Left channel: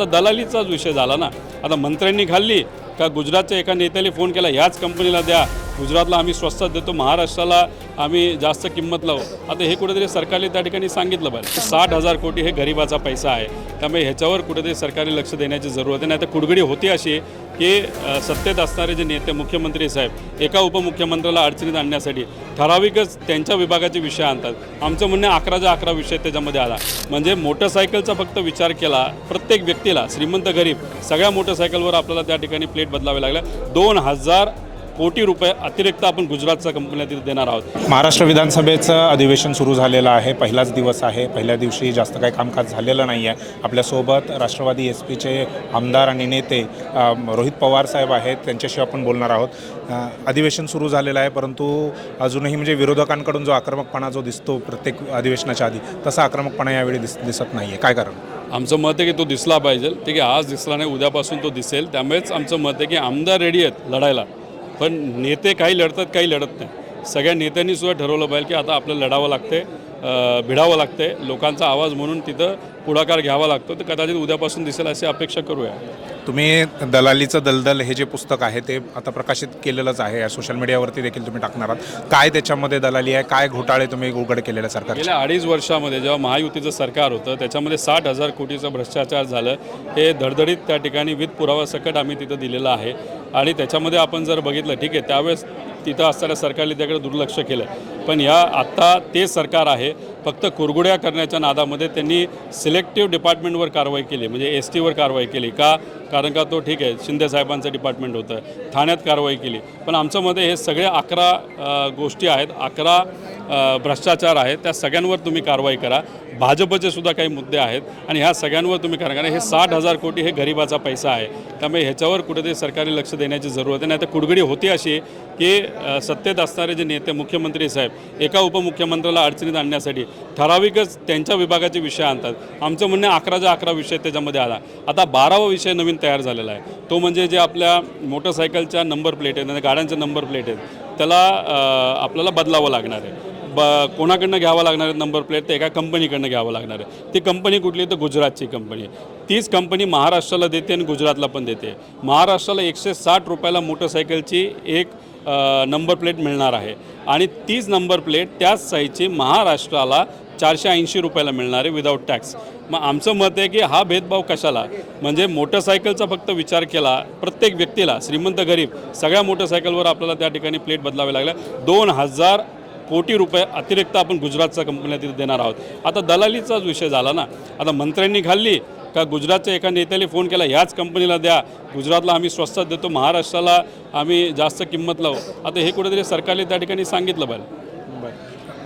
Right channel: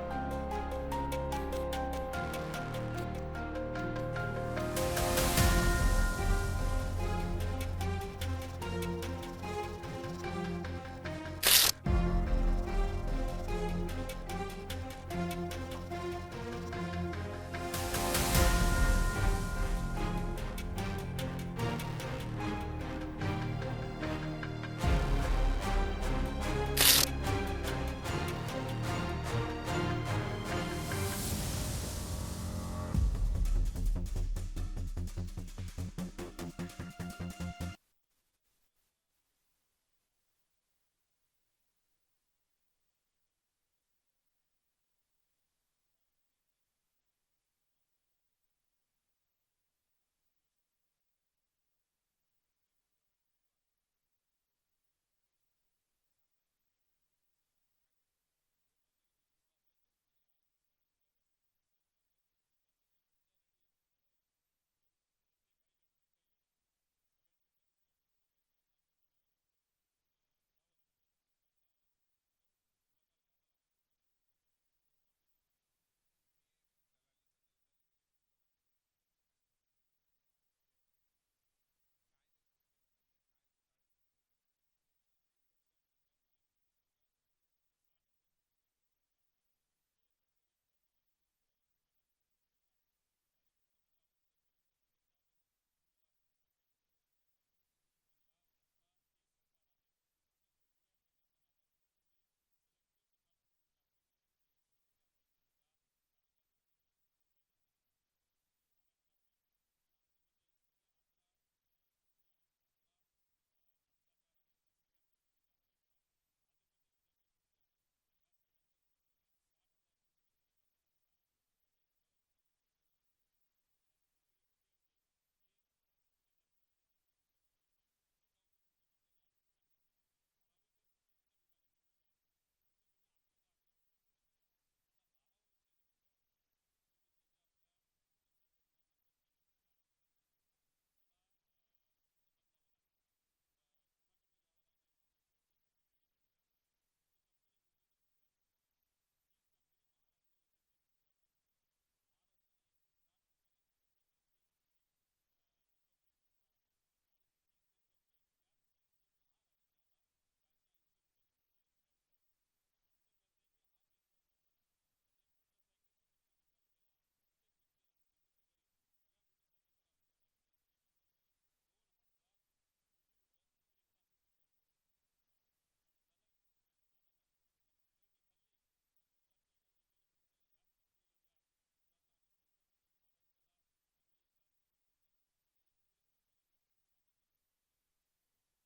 आता दलालीचाच विषय झाला ना. आता मंत्र्यांनी खाल्ली का गुजरातच्या एका नेत्याने फोन केला ह्याच कंपनीला द्या. गुजरातला आम्ही स्वस्तात देतो महाराष्ट्राला आम्ही जास्त किंमत लावू. आता हे कुठेतरी सरकारने त्या ठिकाणी सांगितलं पाहिजे साठ हजार कोटी हे गरिबाचा पैसा आहे. त्यामुळे ह्याच्यावर कुठेतरी सरकारने लक्ष देण्याची जरूरत आहे. नाही तर कुडगडी होती अशी की सत्तेत असणारे जे नेते मुख्यमंत्री साहेब एका उपमुख्यमंत्र्याला अडचणीत आणण्यासाठी ठराविकच त्यांच्या विभागाचे विषय आणतात. आमचं म्हणणं अकराच्या अकरा विषय त्याच्यामध्ये आला. म्हणजे मोटरसायकलचा फक्त विचार केला प्रत्येक व्यक्तीला श्रीमंत गरीब सगळ्या मोटरसायकलवर आपल्याला त्या ठिकाणी प्लेट बदलावे लागल्या. दोन हजार कोटी रुपये अतिरिक्त आपण गुजरातच्या कंपन्या तिथे देणार आहोत. महाराष्ट्र विधानसभेचं अधिवेशन सुरू झालेलं आहे. पहिलाच दिवस आहे. पहिल्या दिवशी जास्त काही कामकाज झालेलं नाही आहे. आपल्यासोबत राष्ट्रवादी एस पीचे आमदार आणि नेते रोहित पवार साहेब आहेत. त्यांच्याशी आपण बोलणार आहोत. अधिवेशन सुरू झालेलं आहे परंतु अजूनही म्हणजे विरोधकांकडून जो आक्रमकपणा जो दिसतो प्रत्येक अधिवेशनाच्या आधी तसा आक्रमकपणा यावेळी दिस दिसत नाही आहे काय कारण? आमचं मत आहे की तो दिसला पाहिजे. ठीक आहे आज दिसला नाही उद्यापासून तो दिसेल. त्यामुळेच आमचं मत आहे की आमदार रेडी आहेत लढायला. पण नेते काही लढतात काही लढत नाही. सगळ्या नेत्यांनी सुद्धा ठरवलं पाहिजे की आता आपल्याला लढावं लागते भिडावं लागते. लोकांचा आवाज म्हणून तिथं पुढाकार घ्यावा लागतो. तर कदाचित उद्यापासून दिसेल अशी अपेक्षा करूया. तुम्ही दलालीचं दलदल हे जे पुस्तक आहे ते आता प्रकाशित केलेलंच आहे. सोशल मीडियावरती देखील तुम्ही टाकणार आहात. काय त्याच्यामध्ये दलाली आहे? काय घोटाळे तुम्ही उघड केलेले सरकार गेल्या अडीच वर्षामध्ये जेव्हा महायुतीचं सरकार होतं त्याच्यामध्ये साठ हजार कोटीचं भ्रष्टाचार झालं. हे धडधडीत त्या ठिकाणी विध पुरावा सकट आम्ही तिथं दिलेलं आहे. आणि त्याच्यामध्ये आपण जर बघितलं ठीक आहे त्यावेळेस तिथं असणाऱ्या सरकारने त्याकडे दुर्लक्ष केलं. पण ह्या आत्ता ते सरकार आहे फक्त कुरगुड्या करण्याच्या नादामध्ये त्यांनी सिलेक्टिव्ह डिपार्टमेंटवर कारवाई केली म्हणजे एस टीवर कारवाई केली का? कारण का तो ठीक आहे शिंदे साहेबांचं डिपार्टमेंट होतं ठाण्यात कारवाई केली. पण आमचं हे सगळे अकरा गोष्टी आहेत अकरा भ्रष्टाचार आहेत त्या सगळ्यांवर तुम्ही कारवाई करा. भाजपचे सुद्धा काही मुद्दे आहेत आणि ह्या सगळ्यांवर तुम्ही करा. कारण हे साठ हजार कोटी हे गरिबाचा पैसा आहे. त्यामुळे ह्याच्यावर कुठेतरी सरकारने लक्ष देण्याची जरूरत आहे. नाही तर कुडगडी होती अशी की सत्तेत असणारे जे नेते मुख्यमंत्री साहेब एका उपमुख्यमंत्र्याला अडचणीत आणण्यासाठी ठराविकच त्यांच्या विभागाचे विषय आणतात. आमचं म्हणणं अकराच्या अकरा विषय त्याच्यामध्ये आला. आता बारावा विषय नवीन तयार झालेला आहे. तो म्हणजे जे आपल्या मोटरसायकलच्या नंबर प्लेट आहेत म्हणजे गाड्यांच्या नंबर प्लेट आहेत त्याला आपल्याला बदलावं लागणार आहे. ब कोणाकडनं घ्यावं लागणार आहे नंबर प्लेट ते एका कंपनीकडनं घ्यावं लागणार आहे. ती कंपनी कुठली? तर गुजरातची कंपनी तीच कंपनी महाराष्ट्राला देते आणि गुजरातला पण देते. महाराष्ट्राला एकशे साठ रुपयाला मोटरसायकलची एक नंबर प्लेट मिळणार आहे. आणि तीच नंबर प्लेट त्याच साईजची महाराष्ट्राला चारशे ऐंशी रुपयाला मिळणार आहे विदाऊट टॅक्स मग आमचं मत आहे की हा भेदभाव कशाला? म्हणजे मोटरसायकलचा फक्त विचार केला प्रत्येक व्यक्तीला श्रीमंत गरीब सगळ्या मोटरसायकलवर आपल्याला त्या ठिकाणी प्लेट बदलावे लागल्या दोन हजार कोटी रुपये अतिरिक्त आपण गुजरातच्या कंपन्या तिथे देणार आहोत. आता दलालीचाच विषय झाला ना. आता मंत्र्यांनी खाल्ली का गुजरातच्या एका नेत्याने फोन केला ह्याच कंपनीला द्या. गुजरातला आम्ही स्वस्तात देतो महाराष्ट्राला आम्ही जास्त किंमत लावू. आता हे कुठेतरी सरकारने त्या ठिकाणी सांगितलं पाहिजे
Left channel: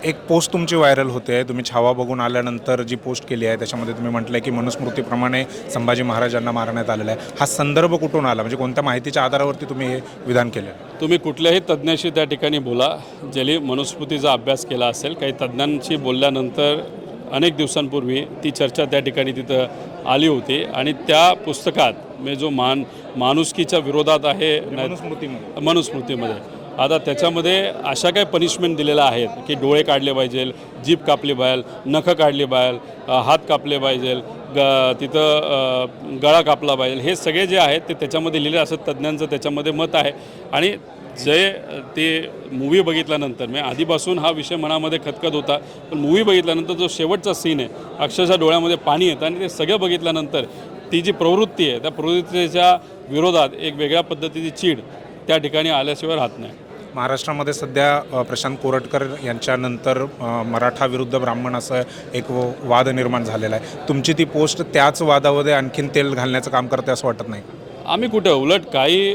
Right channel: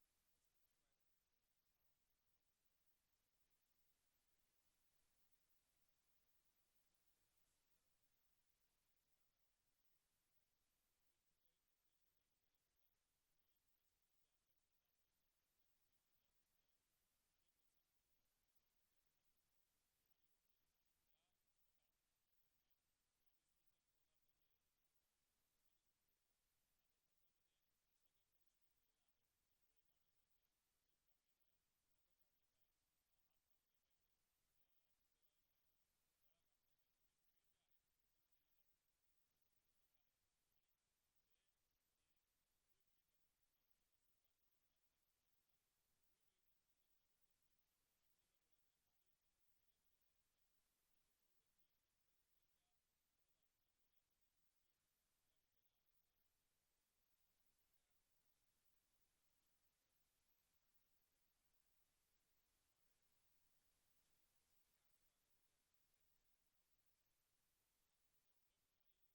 एक पोस्ट तुमची व्हायरल होते तुम्ही छावा बघून आल्यानंतर जी पोस्ट केली आहे त्याच्यामध्ये तुम्ही म्हटलंय की मनुस्मृतीप्रमाणे संभाजी महाराजांना मारण्यात आलेला आहे. हा संदर्भ कुठून आला? म्हणजे कोणत्या माहितीच्या आधारावरती तुम्ही हे विधान केलं तुम्ही कुठल्याही तज्ज्ञाशी त्या ठिकाणी बोला. ज्यांनी मनुस्मृतीचा अभ्यास केला असेल काही तज्ज्ञांशी बोलल्यानंतर अनेक दिवसांपूर्वी ती चर्चा त्या ठिकाणी तिथं आली होती. आणि त्या पुस्तकात म्हणजे जो मान माणुसकीच्या विरोधात आहे नाही- मनुस्मृतीमध्ये. मनुस्मृतीमध्ये. आता त्याच्यामध्ये अशा काही पनिशमेंट दिलेल्या आहेत की डोळे काढले पाहिजेल जीभ कापली पाहिजे नखं काढली पाहिजे हात कापले पाहिजेल ग तिथं गळा कापला पाहिजे. हे सगळे जे आहेत ते त्याच्यामध्ये लिहिले असं तज्ज्ञांचं त्याच्यामध्ये मत आहे. आणि जे ते मूवी बघितल्यानंतर मी आधीपासून हा विषय मनामध्ये खतखत होता पण मूवी बघितल्यानंतर जो शेवटचा सीन आहे अक्षरशः डोळ्यामध्ये पाणी येतं आणि ते सगळं बघितल्यानंतर ती जी प्रवृत्ती आहे त्या प्रवृत्तीच्या विरोधात एक वेगळ्या पद्धतीची चीड त्या ठिकाणी आल्याशिवाय राहत नाही. महाराष्ट्रामध्ये सध्या प्रशांत कोरटकर यांच्यानंतर मराठा विरुद्ध ब्राह्मण असं एक वाद निर्माण झालेला आहे. तुमची ती पोस्ट त्याच वादामध्ये आणखीन तेल घालण्याचं काम करते असं वाटत नाही? आम्ही कुठं उलट काही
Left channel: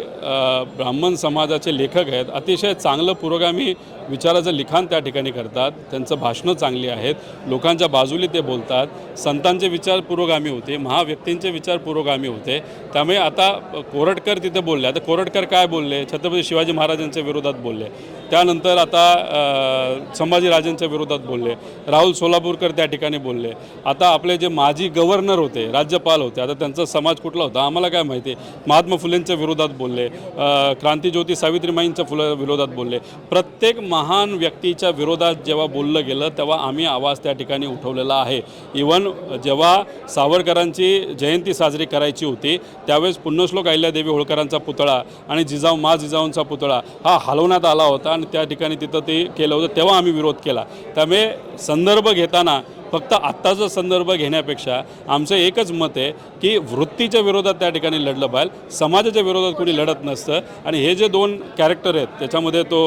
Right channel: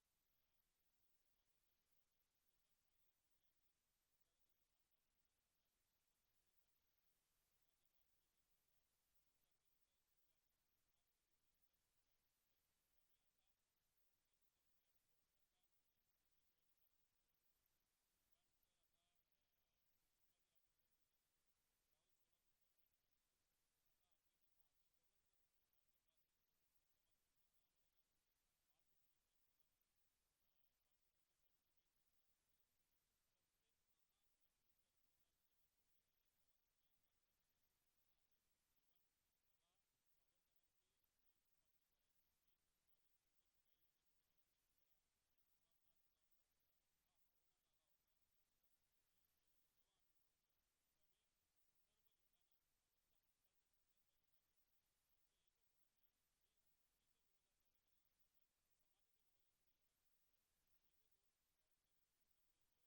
ब्राह्मण समाजाचे लेखक आहेत. अतिशय चांगलं पुरोगामी विचाराचं लिखाण त्या ठिकाणी करतात. त्यांचं भाषणं चांगली आहेत. लोकांच्या बाजूली ते बोलतात. संतांचे विचार पुरोगामी होते. महाव्यक्तींचे विचार पुरोगामी होते. त्यामुळे आता कोरटकर तिथे बोलले. आता कोरटकर काय बोलले? छत्रपती शिवाजी महाराजांच्या विरोधात बोलले. त्यानंतर आता संभाजीराजांच्या विरोधात बोलले. राहुल सोलापूरकर त्या ठिकाणी बोलले. आता आपले जे माजी गव्हर्नर होते राज्यपाल होते आता त्यांचा समाज कुठला होता? आम्हाला काय माहिती? महात्मा फुलेंच्या विरोधात बोलले. क्रांतीज्योती सावित्रीमाईंच्या फुला विरोधात बोलले. प्रत्येक मा महान व्यक्तीच्या विरोधात जेव्हा बोललं गेलं तेव्हा आम्ही आवाज त्या ठिकाणी उठवलेला आहे. इवन जेव्हा सावरकरांची जयंती साजरी करायची होती त्यावेळेस पुण्यश्लोक अहिल्यादेवी होळकरांचा पुतळा आणि जिजाऊ मा जिजाऊंचा पुतळा हा हलवण्यात आला होता आणि त्या ठिकाणी तिथं ते केलं होतं तेव्हा आम्ही विरोध केला. त्यामुळे संदर्भ घेताना फक्त आत्ताचा संदर्भ घेण्यापेक्षा आमचं एकच मत आहे की वृत्तीच्या विरोधात त्या ठिकाणी लढलं पाहिजे. समाजाच्या विरोधात कोणी लढत नसतं. आणि हे जे दोन कॅरेक्टर आहेत त्याच्यामध्ये तो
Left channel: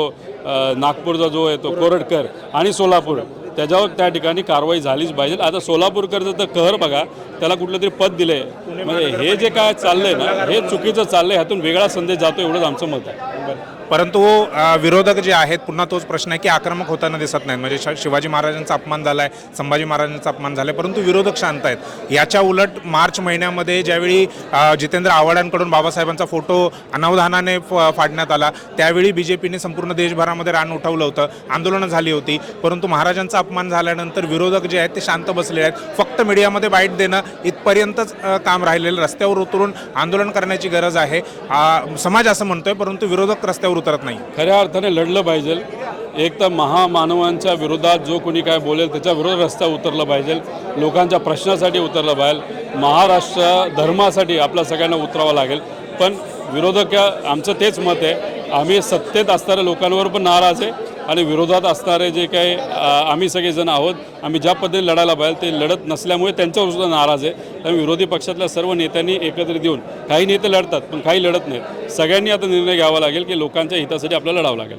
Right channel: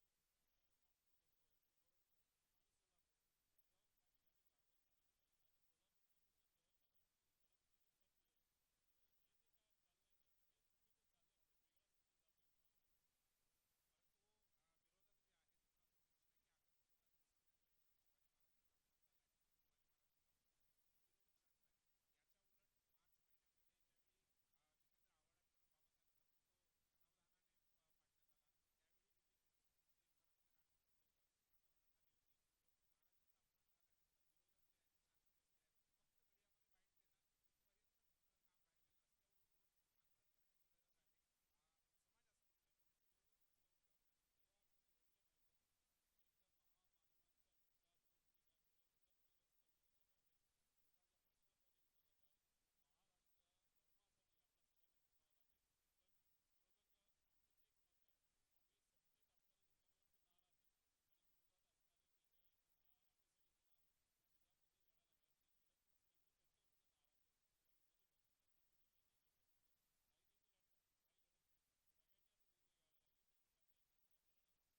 नागपूरचा जो आहे तो कोरटकर आणि सोलापूर त्याच्यावर त्या ठिकाणी कारवाई झालीच पाहिजे. आता सोलापूरकरचं तर कहर बघा त्याला कुठलं तरी पद दिले म्हणजे हे जे काय चाललंय ना हे चुकीचं चाललंय ह्यातून वेगळा संदेश जातो एवढंच आमचं मत आहे. परंतु विरोधक जे आहेत पुन्हा तोच प्रश्न आहे की आक्रमक होताना दिसत नाहीत. म्हणजे शिवाजी महाराजांचा अपमान झाला आहे संभाजी महाराजांचा अपमान झाला आहे परंतु विरोधक शांत आहेत. याच्या उलट मार्च महिन्यामध्ये ज्यावेळी जितेंद्र आव्हाडांकडून बाबासाहेबांचा फोटो अनावधानाने फ- फाडण्यात आला त्यावेळी बी जे पीने संपूर्ण देशभरामध्ये रान उठवलं होतं. आंदोलनं झाली होती. परंतु महाराजांचा अपमान झाल्यानंतर विरोधक जे आहेत ते शांत बसले आहेत. फक्त मीडियामध्ये बाईट देणं इथपर्यंतच काम राहिलेलं रस्त्यावर उतरून आंदोलन करण्याची गरज आहे. समाज असं म्हणतोय परंतु विरोधक रस्त्यावर उतरत नाही. खऱ्या अर्थाने लढलं पाहिजे. एक तर महामानवांच्या विरोधात जो कोणी काय बोलेल त्याच्या विरोधात रस्ता उतरलं पाहिजे. लोकांच्या प्रश्नासाठी उतरलं पाहिजे. महाराष्ट्र धर्मासाठी आपल्या सगळ्यांना उतरावं लागेल. पण विरोधक आमचं तेच मत आहे. आम्ही सत्तेत असणाऱ्या लोकांवर पण नाराज आहे. आणि विरोधात असणारे जे काही आम्ही सगळेजण आहोत आम्ही ज्या पद्धतीने लढायला पाहिजे ते लढत नसल्यामुळे त्यांच्यावर सुद्धा नाराज आहे. त्यामुळे विरोधी पक्षातल्या सर्व नेत्यांनी एकत्रित येऊन काही नेते लढतात पण काही लढत नाहीत. सगळ्यांनी आता निर्णय घ्यावा लागेल की लोकांच्या हितासाठी आपल्याला लढावं लागेल.